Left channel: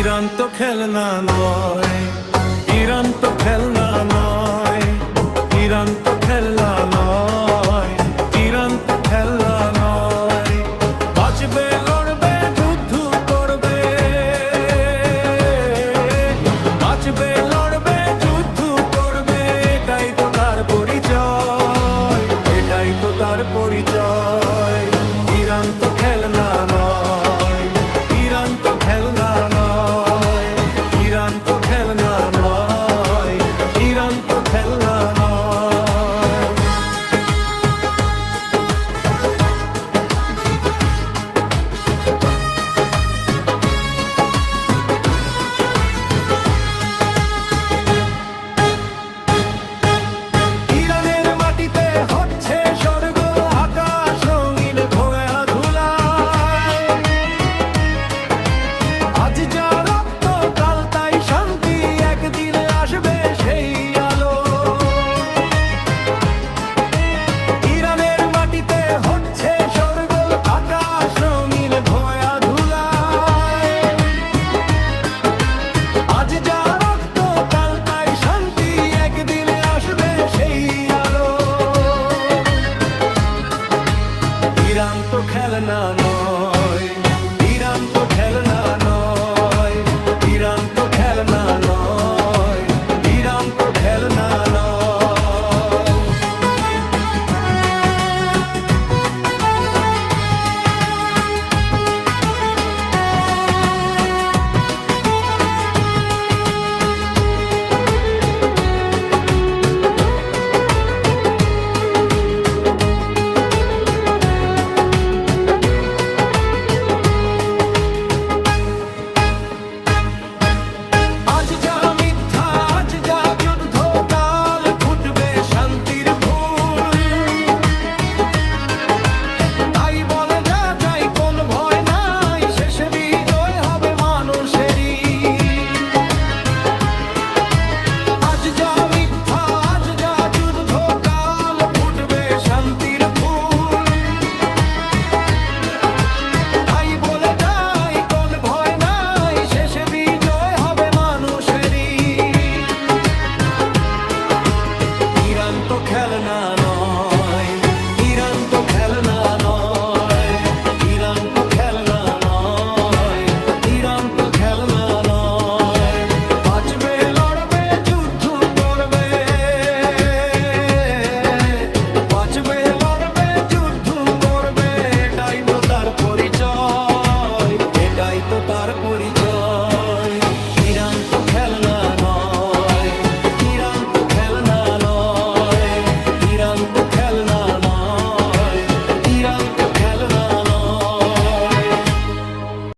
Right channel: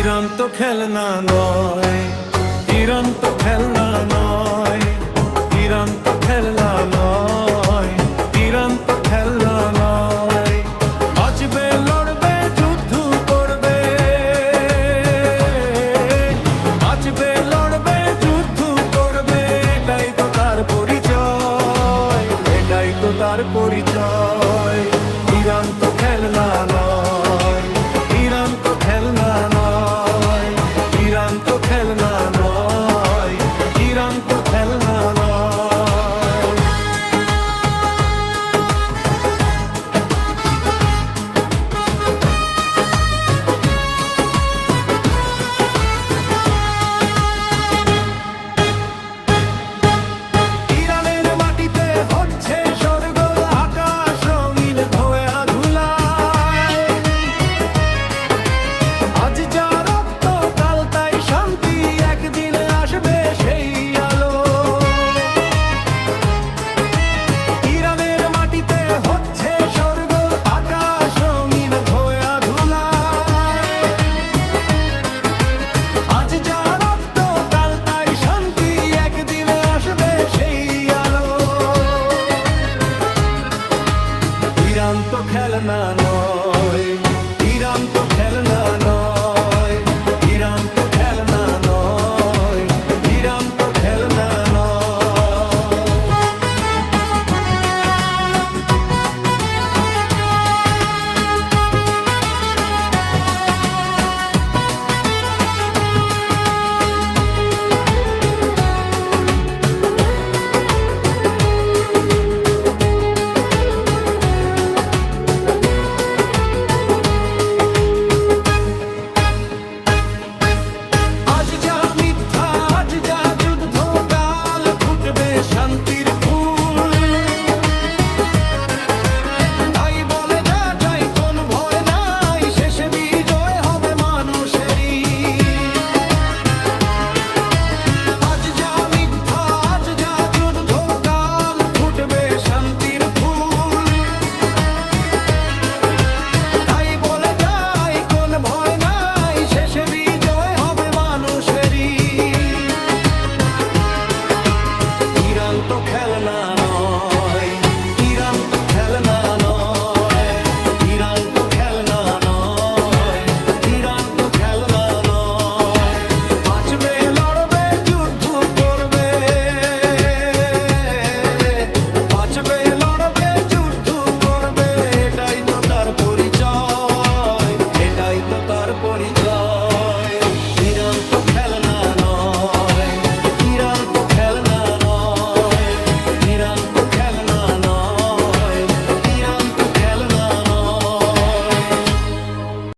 Iran তো খেলনা নয়, ইরান তো খেলনা নয়, ইরান তো খেলনা নয়, ইরান তো খেলনা নয়। বাঁচবে, লড়বে, যুদ্ধ করবে, বাঁচবে, লড়বে, যুদ্ধ করবে, এটাই তো তার পরিচয়, এটাই তো তার পরিচয়। ইরান তো খেলনা নয়, ইরান তো খেলনা নয়, ইরান তো খেলনা নয়, ইরান তো খেলনা নয়। ইরানের মাটিতে হচ্ছে স্বর্গ, আকাশ রঙিন ধোয়া ধুলায়। আজ যা রক্ত কাল তাই শান্তি, একদিন আসবে সেই আলো। ইরানের মাটিতে হচ্ছে স্বর্গ, আকাশ রঙিন ধোয়া ধুলায়। আজ যা রক্ত কাল তাই শান্তি, একদিন আসবে সেই আলো। ইরান তো খেলনা নয়, ইরান তো খেলনা নয়, ইরান তো খেলনা নয়, ইরান তো খেলনা নয়। শান্তির ফুল তাই বলে যা যাই, কোন ভয় নাই, শেষে বিজয় হবে মানুষেরই। আজ যা মিথ্যা, আজ যা যুদ্ধ, কাল ফুটবে শান্তির ফুল। তাই বলে যাই, কোন ভয় নাই, শেষে বিজয় হবে মানুষেরই। ইরান তো খেলনা নয়, ইরান তো খেলনা নয়, ইরান তো খেলনা নয়, ইরান তো খেলনা নয়। বাঁচবে, লড়বে, যুদ্ধ করবে, বাঁচবে, লড়বে, যুদ্ধ করবে, এটাই তো তার পরিচয়, এটাই তো তার পরিচয়। ইরান তো